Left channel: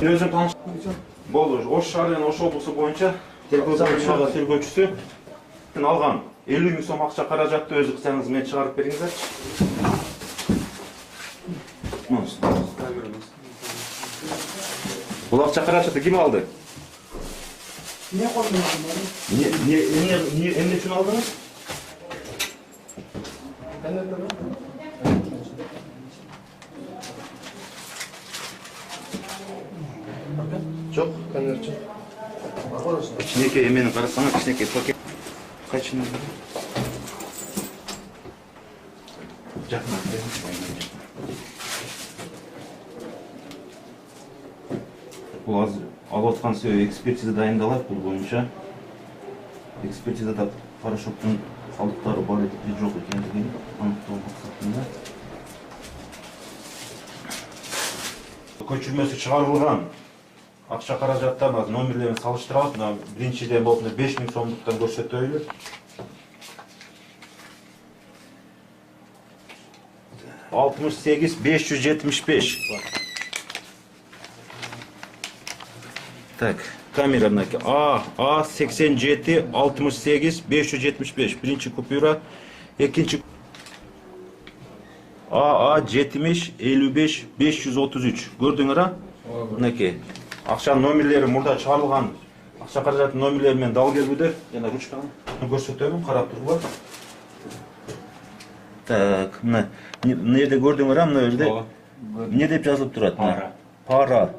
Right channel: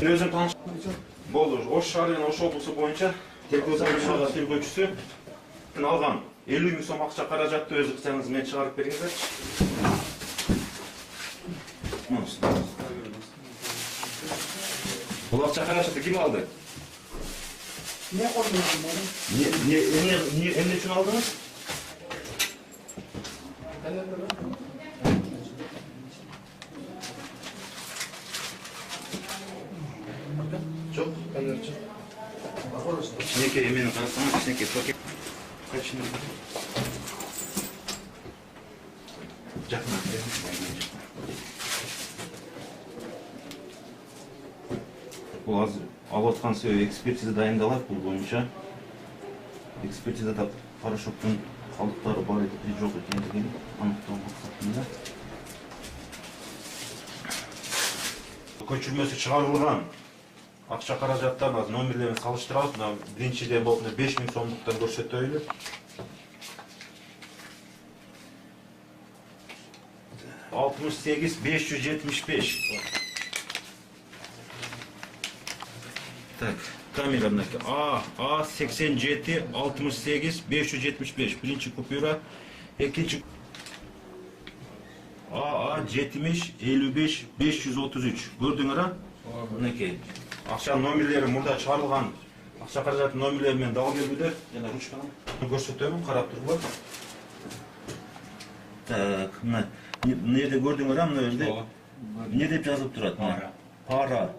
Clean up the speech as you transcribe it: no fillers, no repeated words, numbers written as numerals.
Өзүң тааныш. Болду. Ош шаары жана Ош облусу боюнча тергөөчүсү алган 50 000 сом акча каражатты өз ыкчаңыз менен чыгарып бериңизерчи. Бул акча каражатты ким алды? Эмне үчүн алдыңыз? Жок, конвертчи. Кичинекей эмени карасаңыз, кичинекей пакет. Кайчын? Жакын. Бул азыр алып аткан экспертиза дайындалат, бул боюнча. Экспертизада порошоктун калдыктары бар экен, жок экендигин аныктоо максатында. Көчүрмөсү чыгарылган акча каражаттарын номерлерин салыштырабыз. Мына биринчиден болуп 5 000 сомдуктан көрсөтөлү. Altmış sekiz 575. Так, камераныкі А 87 68 575. Birinci kupюра, ikinci AA 70 55 533. Gördüңөр а? Мынакей. Акчанын номерлери мурда чыгарылган. Акча каражаттын номерлери менен дал келбедер. Жана ручканы көрсөтөмүн, карап туруңар. Так, мына жерде көрдүңөр а, мына жерде эмне деп жазылып турат? Пара.